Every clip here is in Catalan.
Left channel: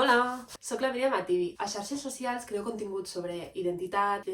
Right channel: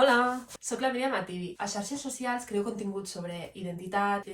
Hola, soc la Míriam Ativi. A xarxes socials creo contingut sobre identitat,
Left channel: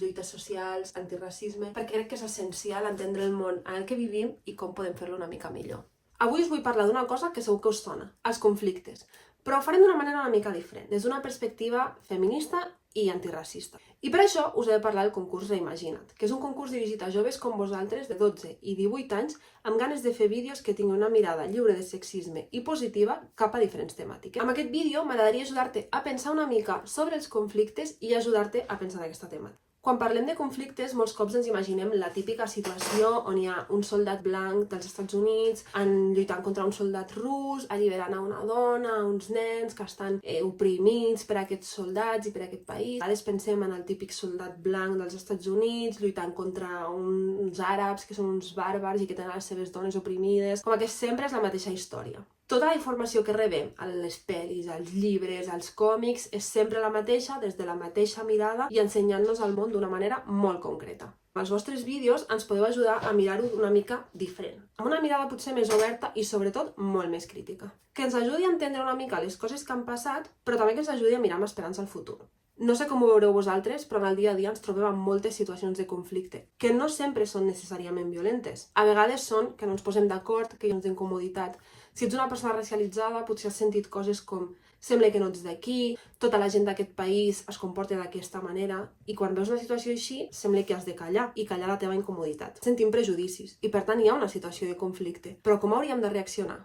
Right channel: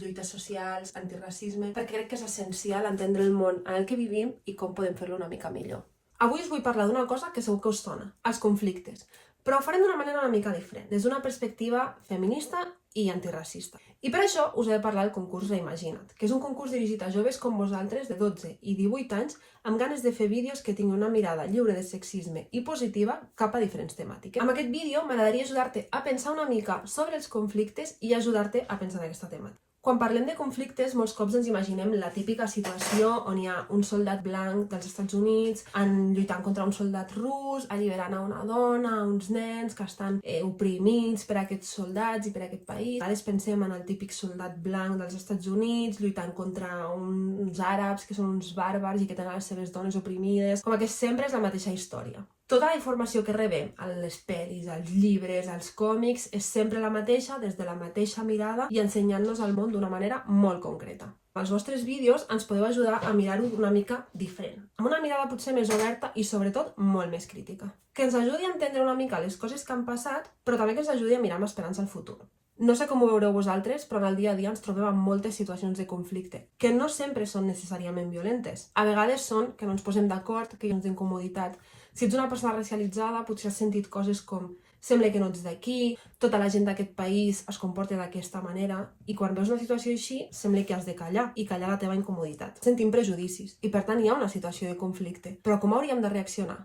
lluites socials, antiracisme, perquè crec que és essencial entendre el món en el que vivim i com podem fer-lo una mica millor. Avui us vull parlar d'una cosa que segur que us sona, els conflictes, però ho farem d'una manera una mica diferent, des d'una perspectiva feminista i antiracista. I per això us he de parlar del concurs Reimagina't, que és un concurs dirigit a joves com vosaltres de 12 i 18 anys amb ganes de fer vídeos que tinguin una mirada lliure de sexisme i positiva cap a diferents temàtiques. Amb aquest vídeo m'agradaria ajudar-te a pensar una mica sobre els conflictes i ajudar-te a pensar en aquesta temàtica. Quan parlem de conflictes, molts cops ens imaginem la típica situació on hi ha un soldat blanc dels Estats Units lluitant contra un soldat rus, alliberant a una dona, a uns nens que estan oprimits per aquests soldats i per aquest país. A vegades pensem en el típic soldat blanc dels Estats Units lluitant contra uns àrabs que són uns bàrbars i que tenen les seves dones oprimides. Com que sempre és la mateixa història. Tota la informació que rebem a les pel·lis, als llibres, als còmics, és sempre la mateixa, des de la mateixa mirada i ensenyant-nos el món d'una manera molt concreta. Amb els vostres vídeos ens podeu ajudar a mirar-ho una mica diferent, amb una mirada potser més oberta i sobretot molt més crítica. Que ens ajudi a entendre una mica les coses que han passat, però també que ens ajudi a mirar amb esperança al futur. No sé com ho veureu vosaltres, però en el dia a dia ens trobem amb moltes situacions de conflicte, que no sempre són necessàriament violentes. A vegades són que no ens posem d'acord, que hi ha incomoditat. Si ets una persona racialitzada, potser has sentit coses com sembla que no ets d'aquí, tota la gent d'aquest país es comporta d'aquesta manera, i quan veus una situació així, sembla que has de callar i callar la teva incomoditat. Sentim prejudicis i per tant hi ha una situació de conflicte. Però com hauríem de reaccionar?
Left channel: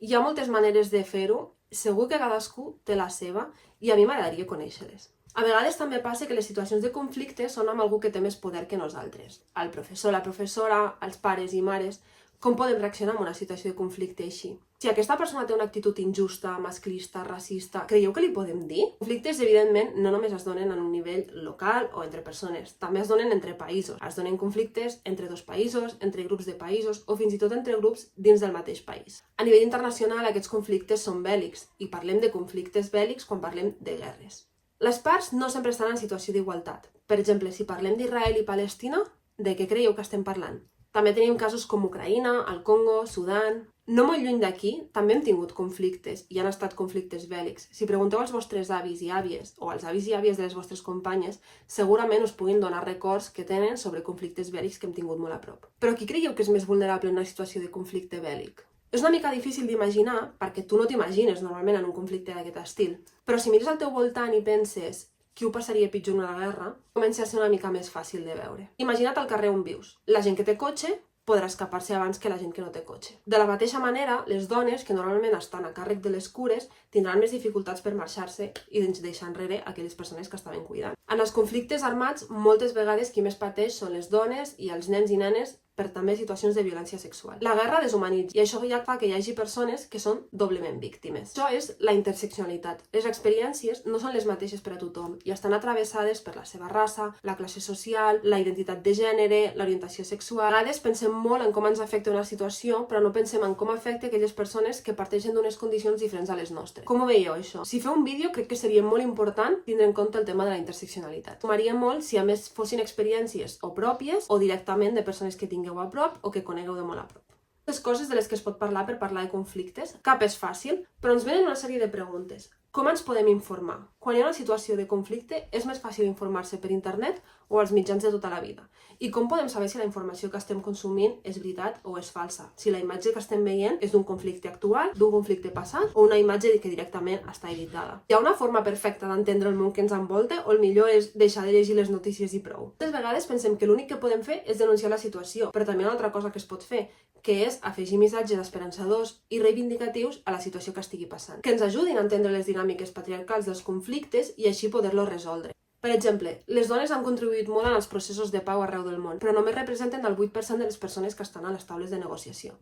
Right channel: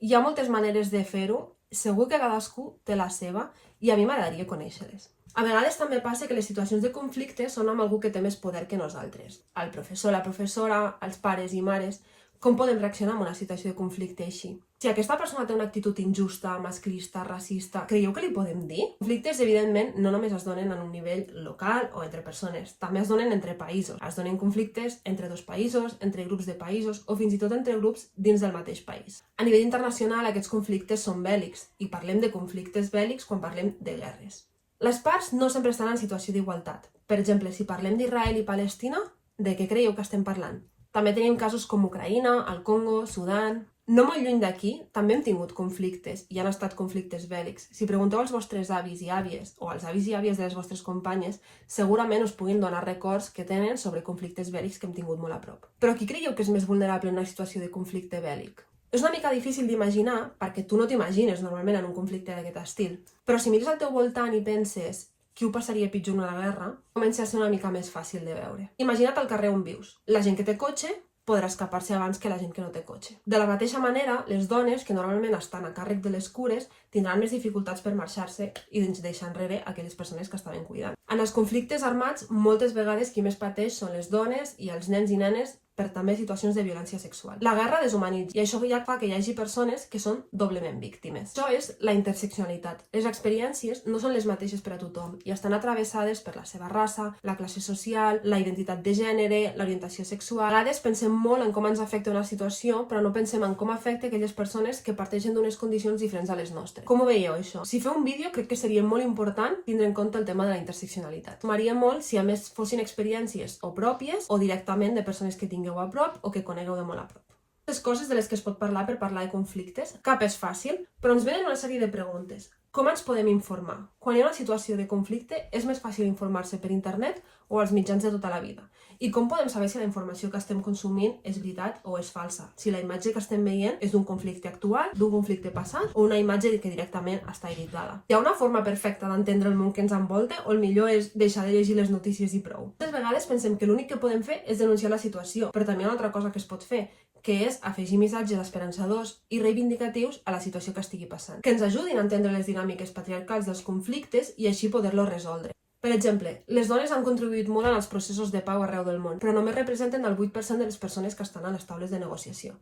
Hi ha moltes maneres de fer-ho, segur que cadascú té la seva i a mi m'agradaria conèixer-les. A vegades també passa que les situacions de conflicte són amb algú que té més poder que nosaltres. El professor, la professora, els pares i mares. Com podem reaccionar en una situació de conflicte així? Si aquesta persona té una actitud injusta, masclista, racista, creieu que li podem dir? Conflictes, evidentment, no només es donen en un nivell local o entre persones, també es donen entre països. Es donen conflictes entre dos països, entre grups de països o fins i tot entre grups dins del mateix país. A nivell internacional, aquests conflictes són bèl·lics i parlem de conflictes bèl·lics quan parlem de guerres. Les parts no sempre estan en situació d'igualtat. Per exemple, si parlem d'Israel i Palestina, de què creieu que estem parlant? També tenim casos com Ucraïna, el Congo, Sudan. No molt lluny d'aquí també hem tingut conflictes i han estat conflictes bèl·lics. Si pregunteu als vostres avis i àvies o als avis i àvies de les vostres companyes, segurament us puguin donar records que tenen sobre conflictes bèl·lics que hem tingut molt a prop. Però qui creieu que és més vulnerable en una situació de conflicte bèl·lic? És una mica difícil d'imaginar perquè tu no t'imagines normalment en un conflicte d'aquest estil. Però si mires al teu voltant i penses qui ho passaria pitjor en una guerra, comença a ser una mica més fàcil de veure. Imagina't al carrer on vius. La gent que té cotxe podrà escapar-se abans que la gent que no té cotxe. De la mateixa manera, les dones, que normalment estan a càrrec de les cures, tindran més dificultats per marxar-se i deixar enrere aquelles persones que estaven cuidant. En els conflictes armats, moltes vegades qui més pateix són les dones i els nens i nenes per també situacions de violència sexual. La guerra deshumanitza i això ja fa que hi hagi persones que són doblement víctimes. Això és la interseccionalitat. Les experiències no són les mateixes per a tothom i estan atravessades per la seva raça, la classe social, la identitat de gènere, l'orientació sexual. A vegades pensem molt en com ens afecta una situació, però no pensem en com afecta aquelles persones que parteixen d'unes condicions diferents a les nostres. Com ho veieu, això? Si feu un vídeo, crec que seria molt important tindre en compte el tema de la interseccionalitat. M'agradaria molt si a més fossin experiències o pròpies o directament de persones que tinguin a prop o que conegueu de molt a prop. Les coses de les que es pot parlar per parlar de conflictes, cap és fàcil, però ens venen una sèrie de preguntes. Com ens podem informar? Quan hi ha una situació de conflicte, és més fàcil informar-se per internet o als mitjans de tota la vida? I com podem saber si la informació que estem consumint és veritat o és falsa? Si la imatge que estem veient és d'un conflicte actual, d'un conflicte passat o una imatge que directament està editada? Hi ha una forma perfecta d'entendre el món que ens envolta o el millor és deixar de llegir les notícies i prou? Moltes vegades pensem que l'únic que podem fer és denunciar la situació, però també hi ha una altra cosa que es pot fer, que és afegir missatges esperançadors i reivindicatius a la situació que estigui passant, que ens ajudin a entendre les dinàmiques patriarcals dels conflictes i així poder-los resoldre. Per exemple, les dones han contribuït molt en els processos de pau arreu del món, però només representen el 8% de les persones que estan a les taules de negociació.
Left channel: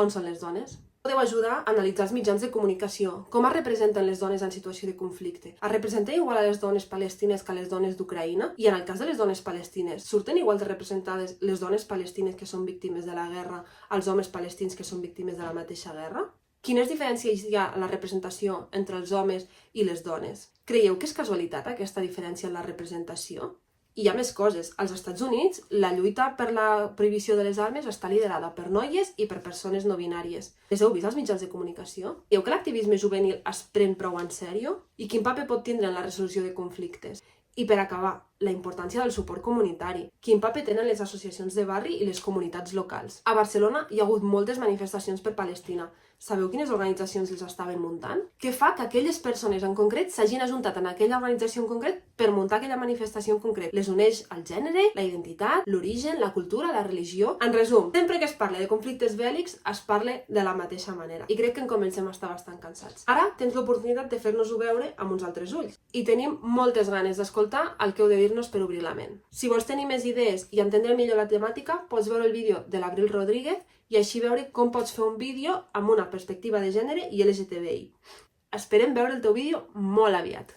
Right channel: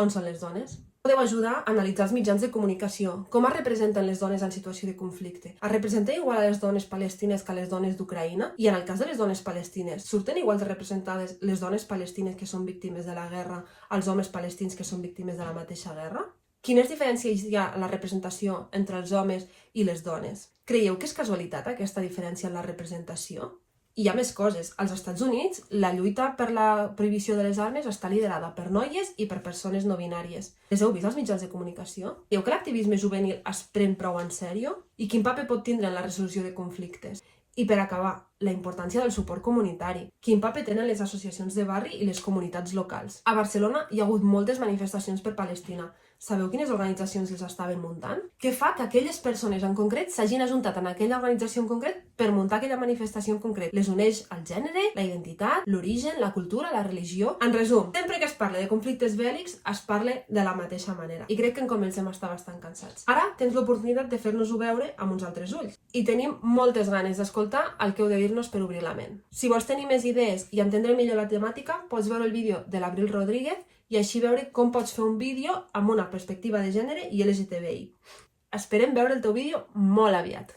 On són les dones? Podeu ajudar a analitzar els mitjans de comunicació. Com es representen les dones en situació de conflicte? Es representen igual a les dones palestines que a les dones d'Ucraïna? I en el cas de les dones palestines, surten igual de representades les dones palestines que són víctimes de la guerra als homes palestins que són víctimes de la mateixa guerra? Quines diferències hi ha en la representació entre els homes i les dones? Creieu que és casualitat aquesta diferència en la representació? I hi ha més coses. Als Estats Units, la lluita per la prohibició de les armes està liderada per noies i per persones no binàries. Les heu vist als mitjans de comunicació? Dieu que l'activisme juvenil es pren prou en sèrio? I quin paper pot tindre en la resolució de conflictes? I per acabar, la importància del suport comunitari. Quin paper tenen les associacions de barri i les comunitats locals? A Barcelona hi ha hagut moltes manifestacions per Palestina. Sabeu quines organitzacions les estaven muntant? Què fa que aquelles persones en concret s'hagin ajuntat en aquella organització en concret per muntar aquella manifestació en concret? Les uneix el gènere, la identitat, l'origen, la cultura, la religió... En resum, sempre que es parla de conflictes bèl·lics, es parla de la mateixa manera. I crec que en comencem a estar bastant cansats. Ara tens l'oportunitat de fer-nos-ho veure amb uns altres ulls. I tenim moltes ganes d'escoltar el que heu de dir-nos per obrir la ment. Si vols tenir més idees i entendre millor la temàtica, pots veure el vídeo de l'Abril Rodríguez i així veure com pots fer un vídeo amb una perspectiva de gènere i LGTBI. Esperem veure el teu vídeo molt aviat.